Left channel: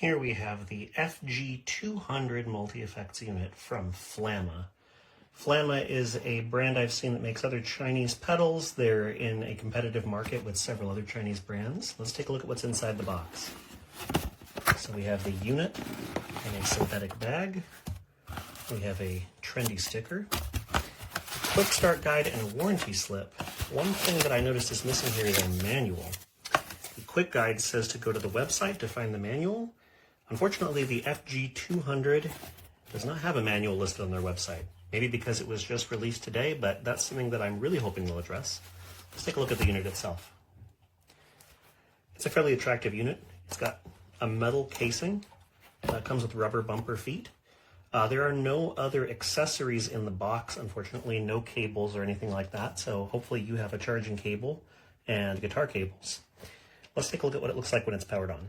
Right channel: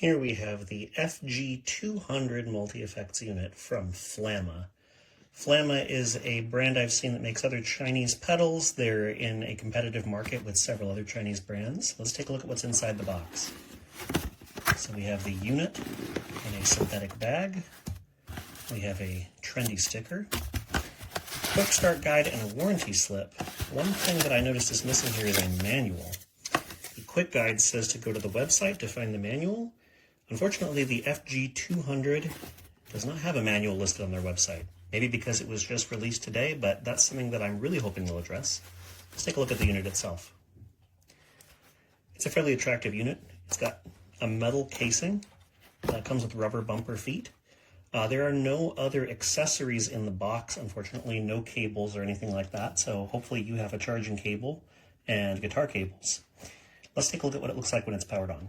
Here we have the FG200 multi-effects unit from FLAMMA. FLAMMA is a brand I've seen that makes other Chinese pedals. They're in a competitive market with several other Chinese brands. Let's take a look at what's inside the box. So we have the unit in a synthetic bag. We have a trendy sticker, quick start guide, and a warranty slip. One thing that I noticed is missing here is a manual. The quick guide says to go to the website to find the manual. Unfortunately, the FG200 does not have a manual listed on their website. Maybe because it was just released today, but that's something that I'm really hoping they'll address. Let's take a look at the unit itself. It's a fairly attractive unit. It's got a metal casing. It comes with rubber bumper feet. There are no other accessories in the box, unfortunately, no cables or anything like that. So hopefully you have a charging cable and guitar cables. Let's take a look at what it looks like when it's powered on.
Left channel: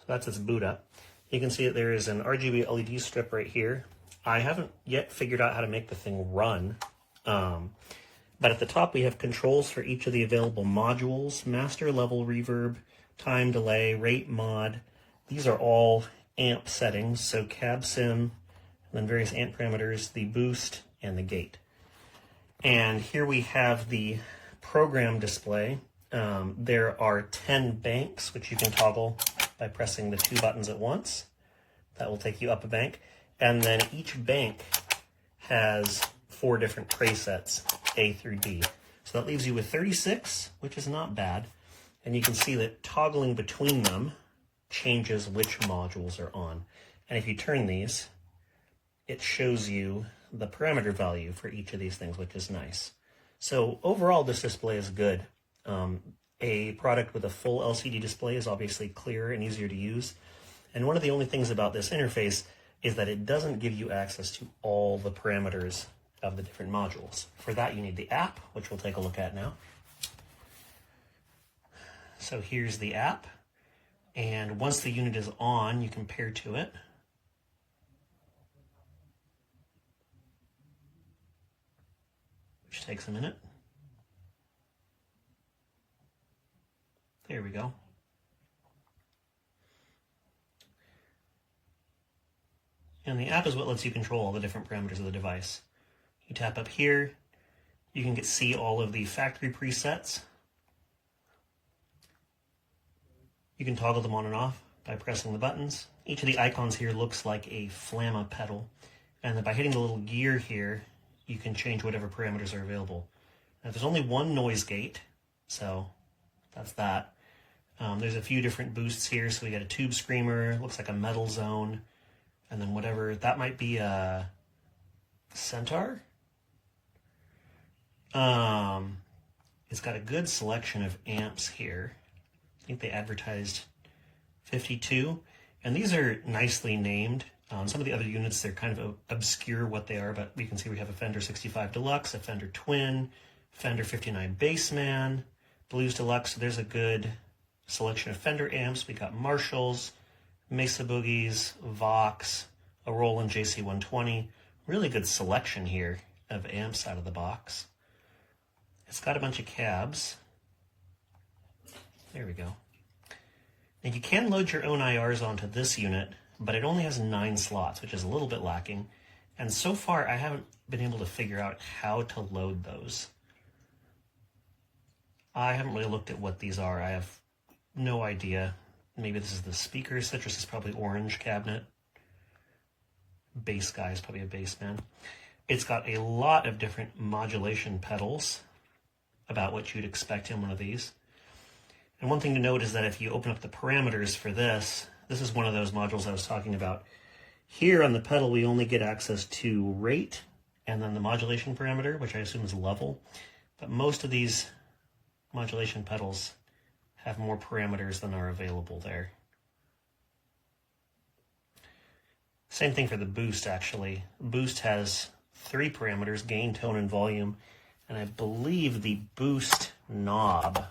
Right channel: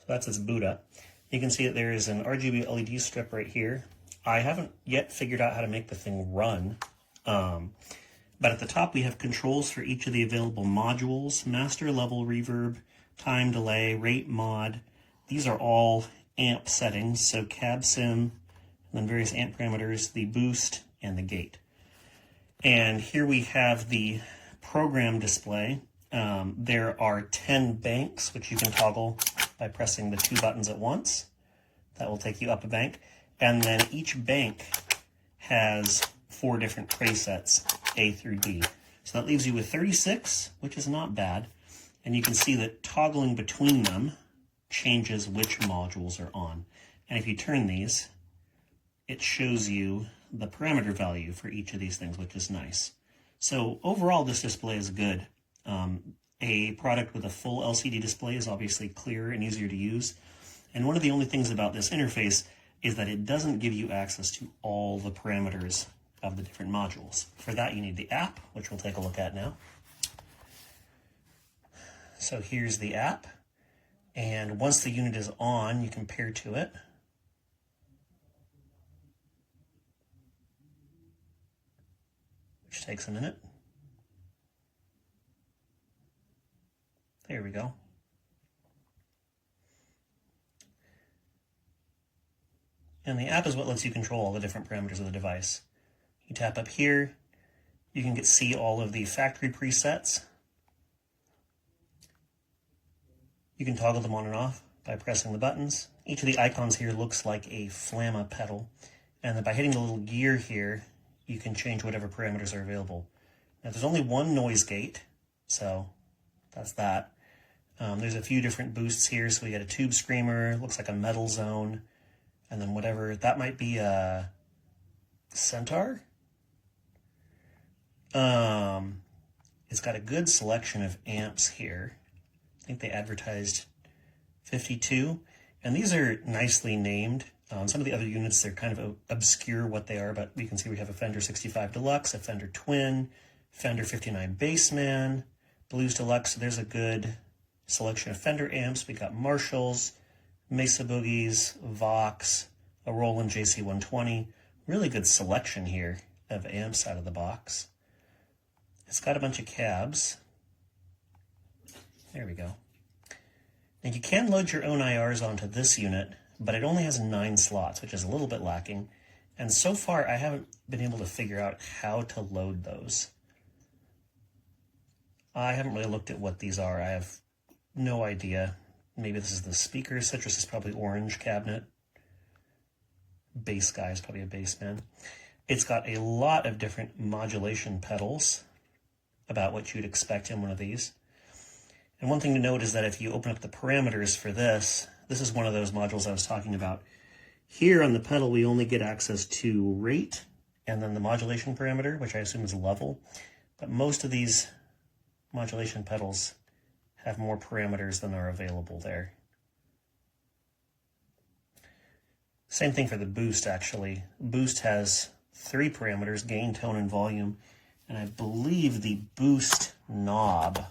So that's its boot up. You can see that there is an RGB LED strip right here. I haven't yet figured out how to make the thing run. But at the top we have controls for each of the available modules: master, level, reverb, time, delay, rate, mod. These are all amp settings, so cab sim, and then various amp parameters, the boost, and the gate. And here we have the program display. There are 10 banks, which you can toggle by pressing the 2 buttons at once. That will take you up a bank. And then each bank has 4 different presets, A through D. So that leaves you with 36, which is not bad. And you can see that toggling between them changes which modules are on. And if you turn these, it shows you the parameter value for each of these things, which is nice. So overall, this display is good. A product with a full LCD display is obviously clearer and easier to use. And one of the only things about this interface is that it doesn't give you access to all the parameters of the different modules. For that, you need the app, which we'll take a look at now. So here's the app, and once the unit is on, you can pair to it. Which takes a minute. There we go. And the app is what lets you control all the different parameters of the device. You tap up here, you can see all of the factory presets. You can toggle them on and off by pressing the buttons. Each of the icons here looks like a FLAMMA pedal. And then by hitting the little gear here, you can change whatever parameters are available. Now there's only one noise gate, so that's that. There's a few different boosts here. So we got a tube screamer, looks like a metal zone, and then whatever, that might be a centaur. It's got a good selection of amps here. I think they advertised 52, and these are nicely named. Some of the other units, they're kind of obscure what they are, but you can see we have a Fender 65 Deluxe, a Fender Twin, Fender 59 Bassman, Blues Deluxe. So there's a good selection of Fender amps. We got Marshalls, Mesa Boogies, Vox, a Roland JC120. Really good selection here of amps out of the box. It's got a bunch of cabs. There we go. And you can load your own IRs onto this unit, but it only has 9 slots, which is a little bit lacking. And so far, I haven't been able to figure out how to load those. I haven't really looked at what these are. I have no idea. Maybe this is the speaker. Citrus is probably orange cabinet. Bass guy is probably a bass man. It's got a lot of different modulation pedals, about what you'd expect in one of these. And one thing to note is that if you open up the parameters for this, this is one of those modules I was talking about. Here on the pedal, we only get access to rate and then the modulation parameter, which I assume is level. But most of these modulation pedals have more parameters than are available there. Same thing for the boost, actually. Boost has 3 parameters: gain, tone, and volume. And I believe the boost knob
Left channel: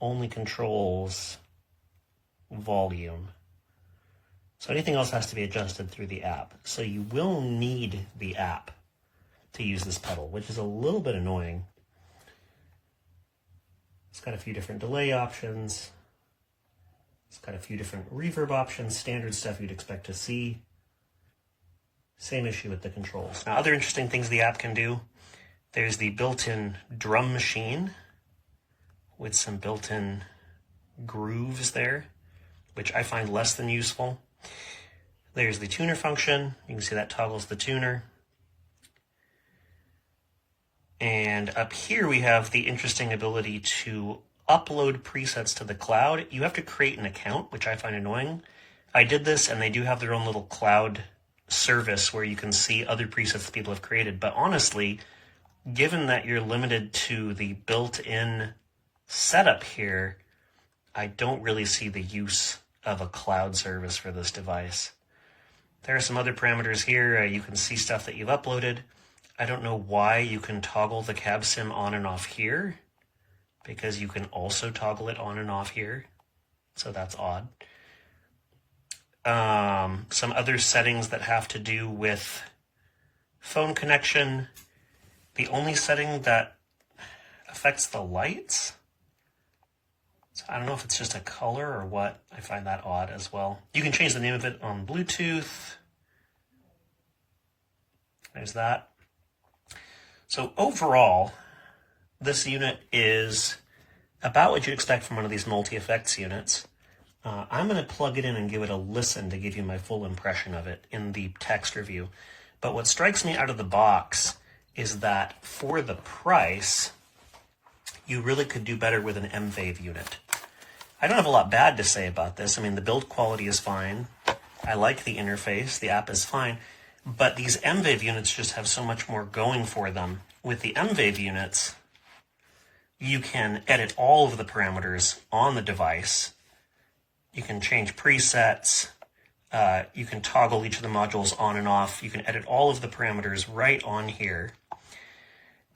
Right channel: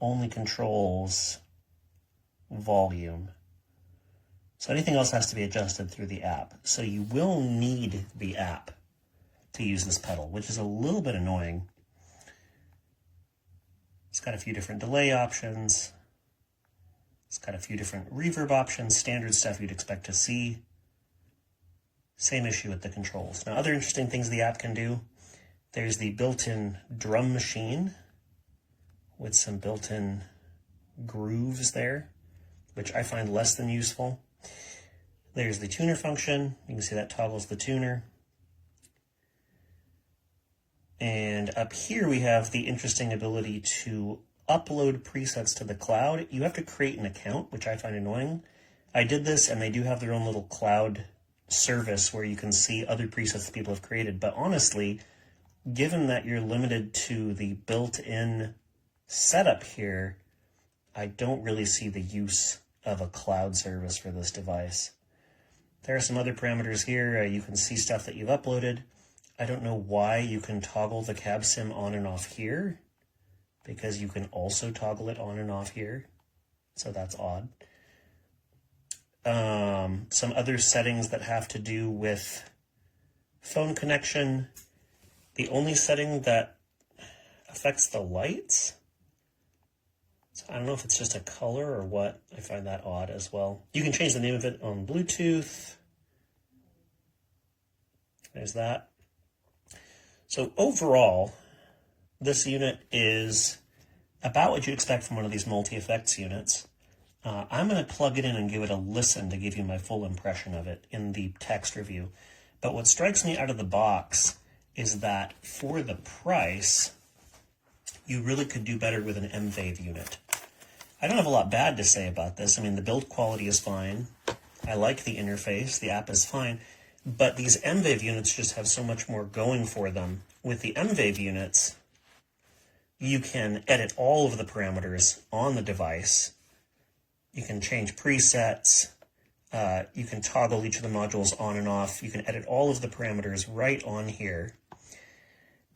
only controls volume. So anything else has to be adjusted through the app. So you will need the app to use this pedal, which is a little bit annoying. It's got a few different delay options. It's got a few different reverb options, standard stuff you'd expect to see. Same issue with the controls. Now, other interesting things the app can do, there's the built-in drum machine with some built-in grooves there, which I find less than useful. There's the tuner function. You can see that toggles the tuner. And up here we have the interesting ability to upload presets to the cloud. You have to create an account, which I find annoying. I did this, and they do have their own little cloud service where you can see other presets that people have created. But honestly, given that you're limited to the built-in setup here, I don't really see the use of a cloud service for this device. There are some other parameters here. You can see stuff that you've uploaded. I don't know why you can toggle the cab sim on and off here, because you can also toggle it on and off here. So that's odd. Some other settings that have to do with phone connection. The only setting that affects the lights, so I don't know if it's just a color or what. I find that odd as well. You can change the name of it on Bluetooth. There's that. So overall, this unit is about what you expect from one of these multi-effects units. I'm going to plug it in and give it a listen to give you my full impression of it in the text review. But what strikes me out of the box is that for the price, you really could do better with an M-Wave unit. I don't have a lot bad to say about this. I mean, the build quality is fine. I like the interface. The app is fine. But these M-Wave units just have so much more going for them. With the M-Wave units, you can edit all of the parameters on the device. You can change presets. You can toggle each of the modules on and off. You can edit all of the parameters right on here.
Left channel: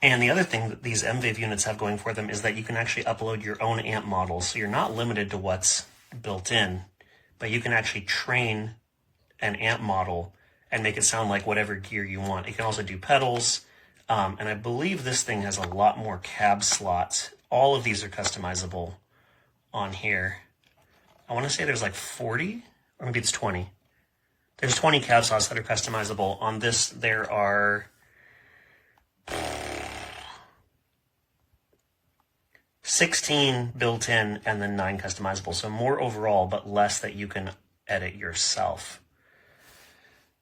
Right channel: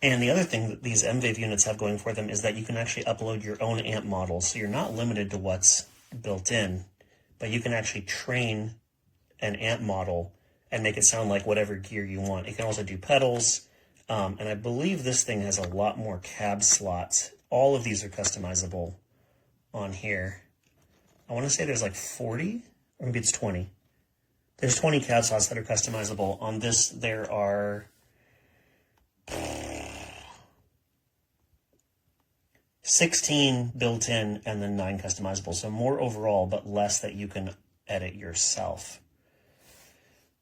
And the other thing that these M-Wave units have going for them is that you can actually upload your own amp models. So you're not limited to what's built in, but you can actually train an amp model and make it sound like whatever gear you want. It can also do pedals. And I believe this thing has a lot more cab slots. All of these are customizable on here. I want to say there's like 40, or maybe it's 20. There's 20 cab slots that are customizable. On this, there are 16 built in and then 9 customizable. So more overall, but less that you can edit yourself.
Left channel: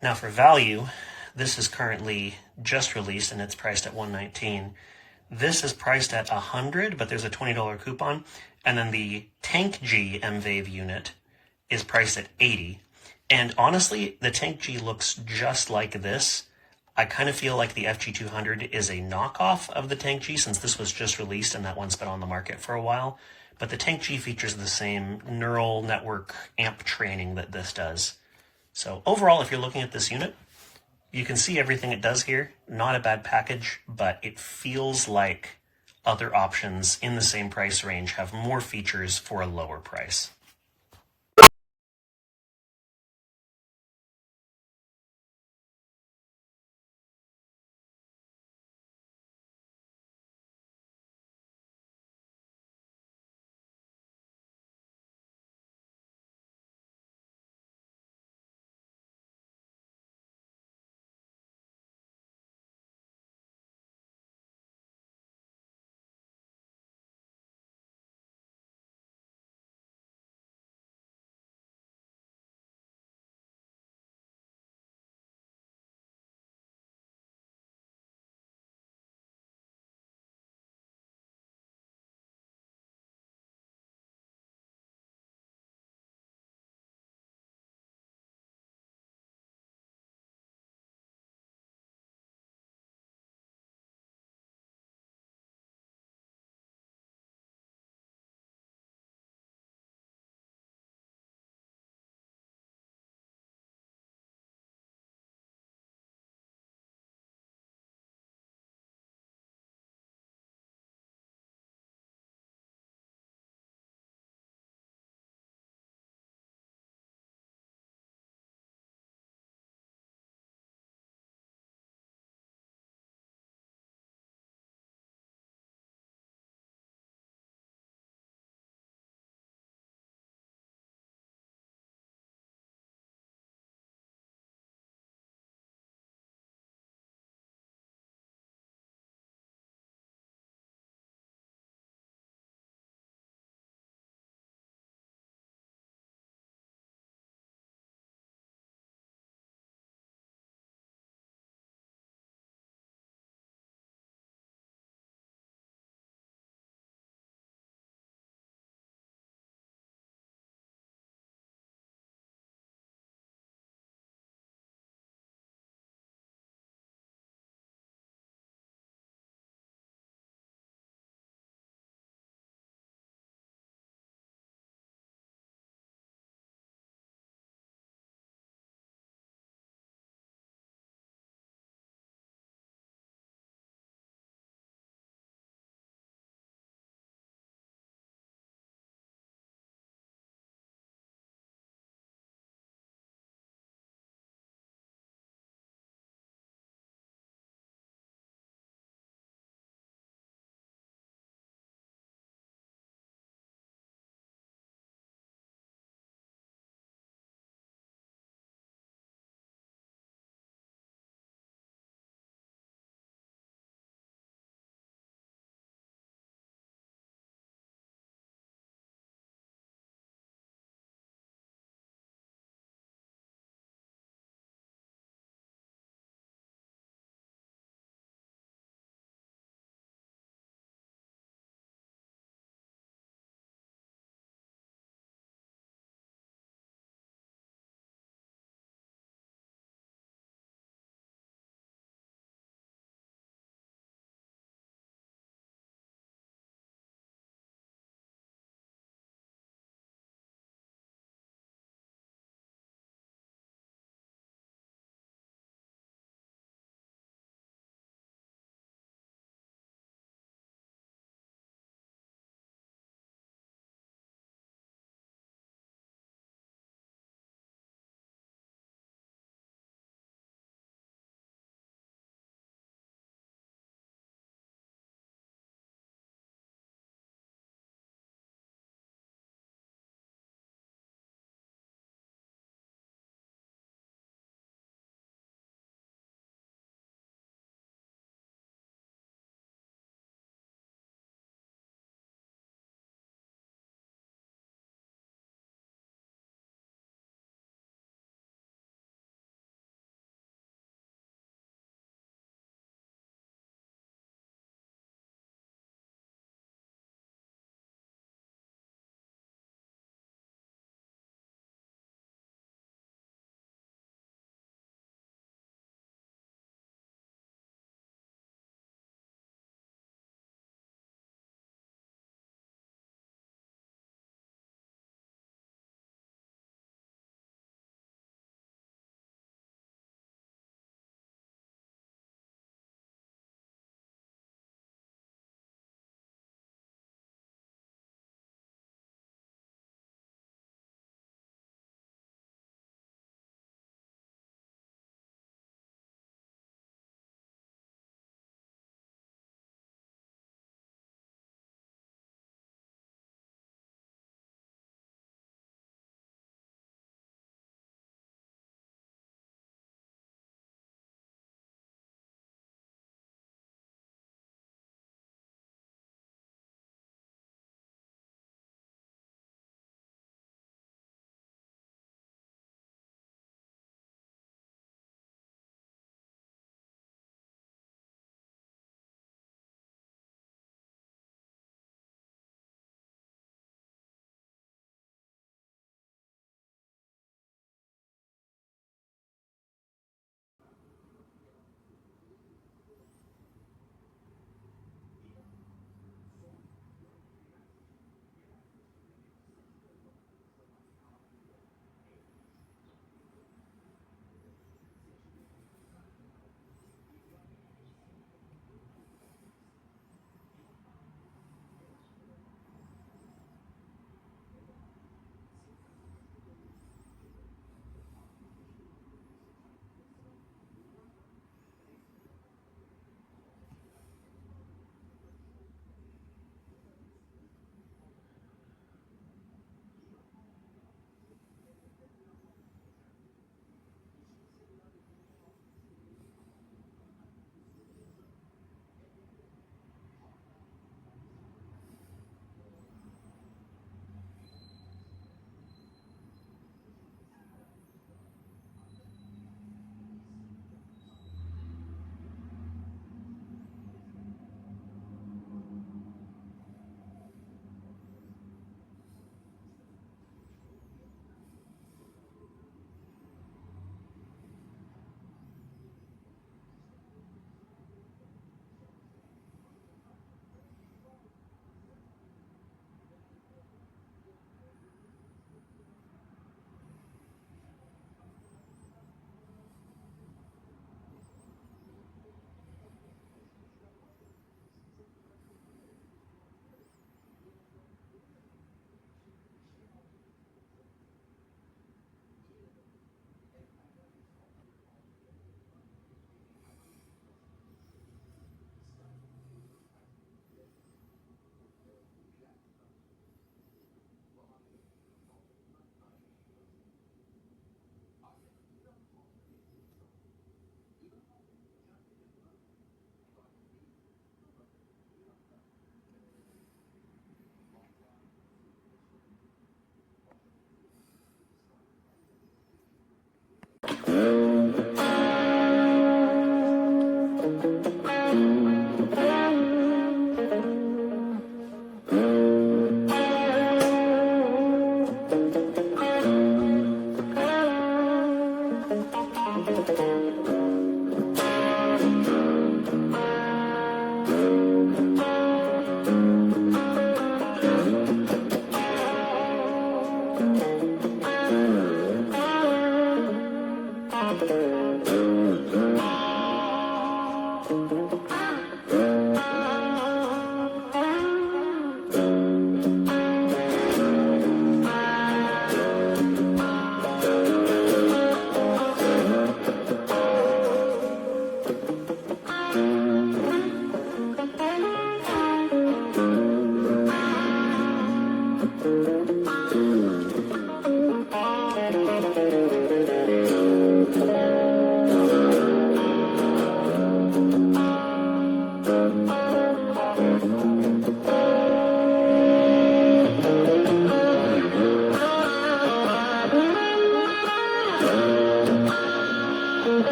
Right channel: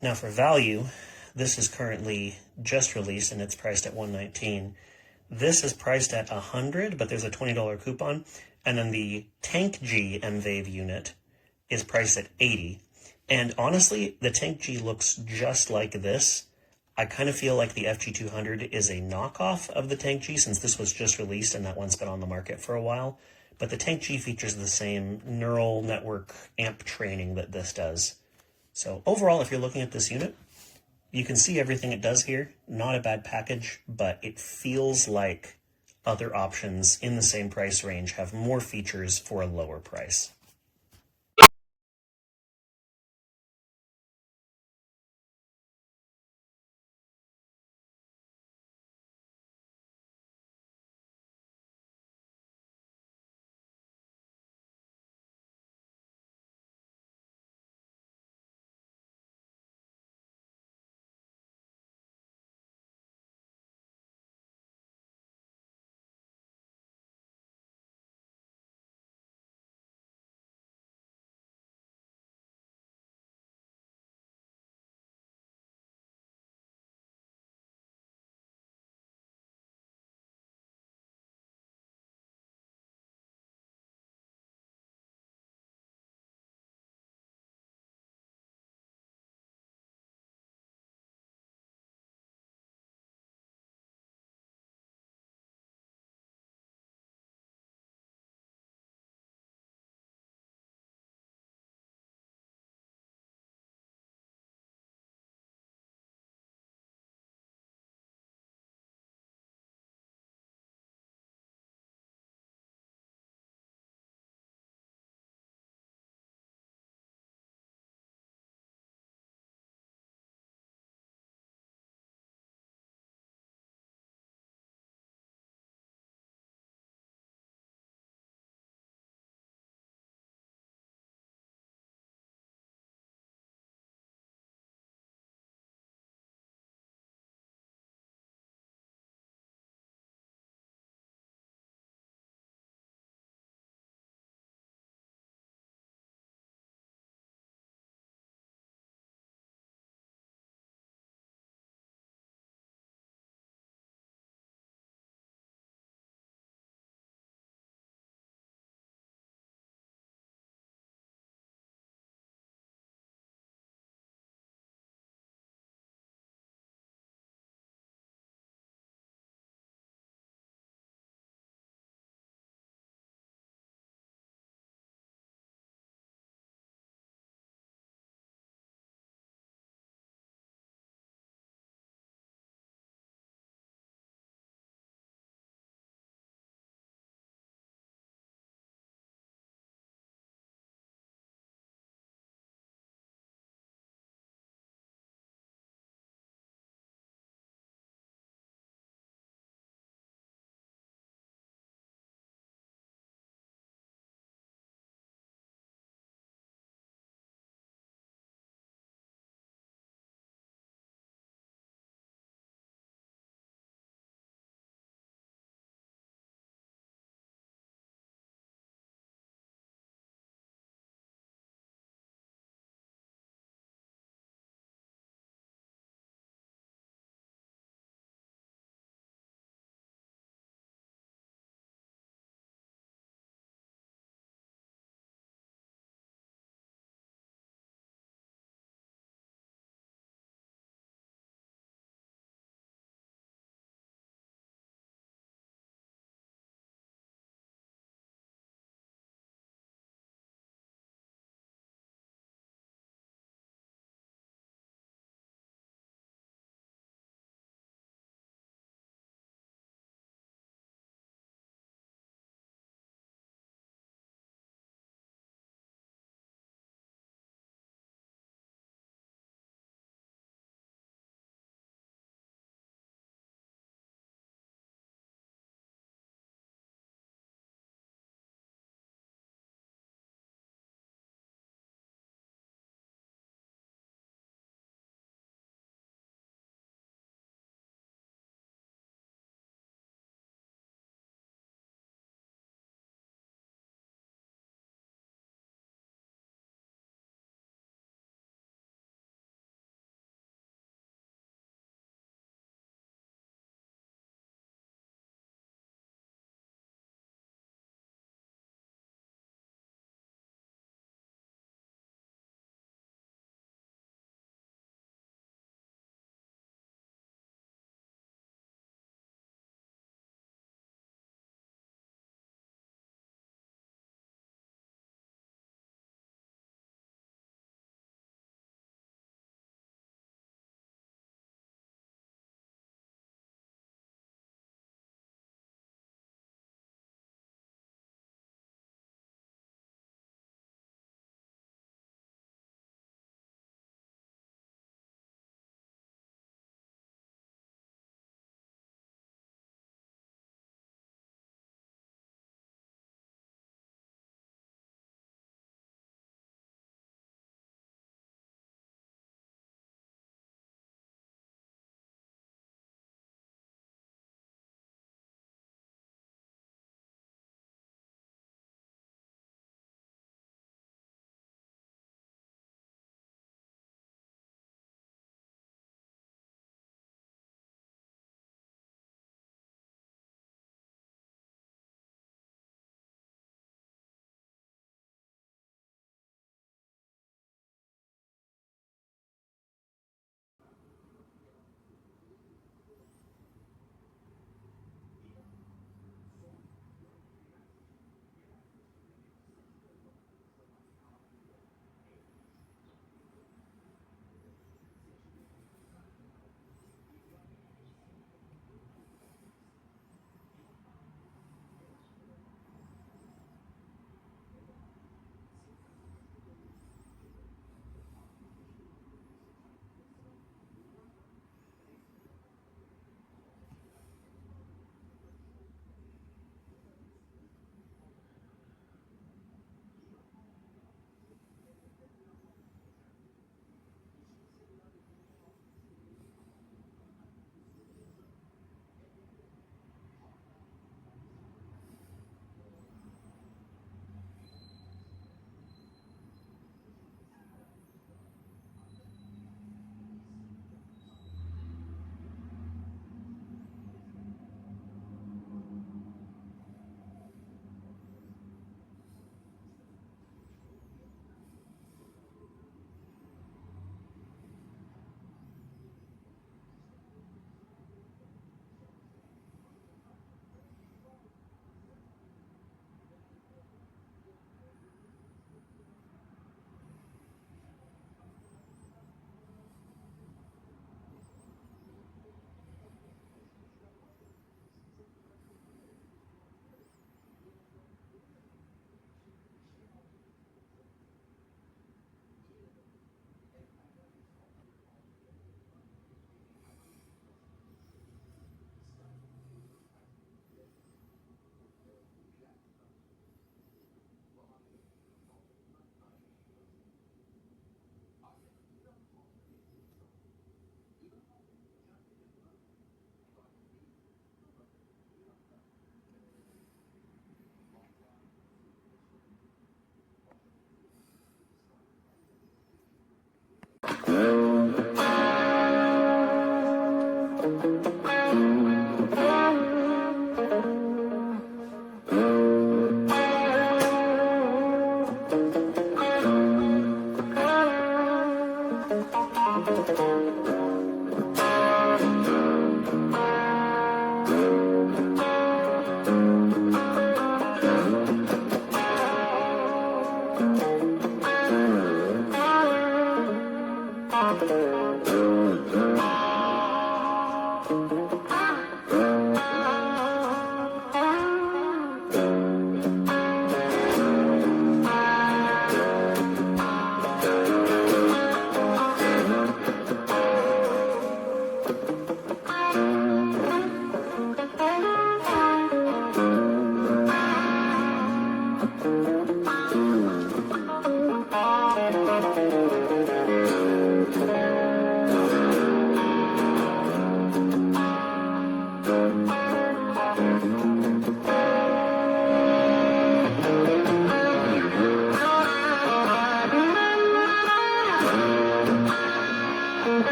Now for value, this is currently just released and it's priced at $119. This is priced at $100, but there's a $20 coupon. And then the Tank G M-Wave unit is priced at $80. And honestly, the Tank G looks just like this. I kind of feel like the FG200 is a knockoff of the Tank G since this was just released and that one's been on the market for a while. But the Tank G features the same neural network amp training that this does. So overall, if you're looking at this unit, you can see everything it does here. Not a bad package, but it feels like other options in the same price range have more features for a lower price.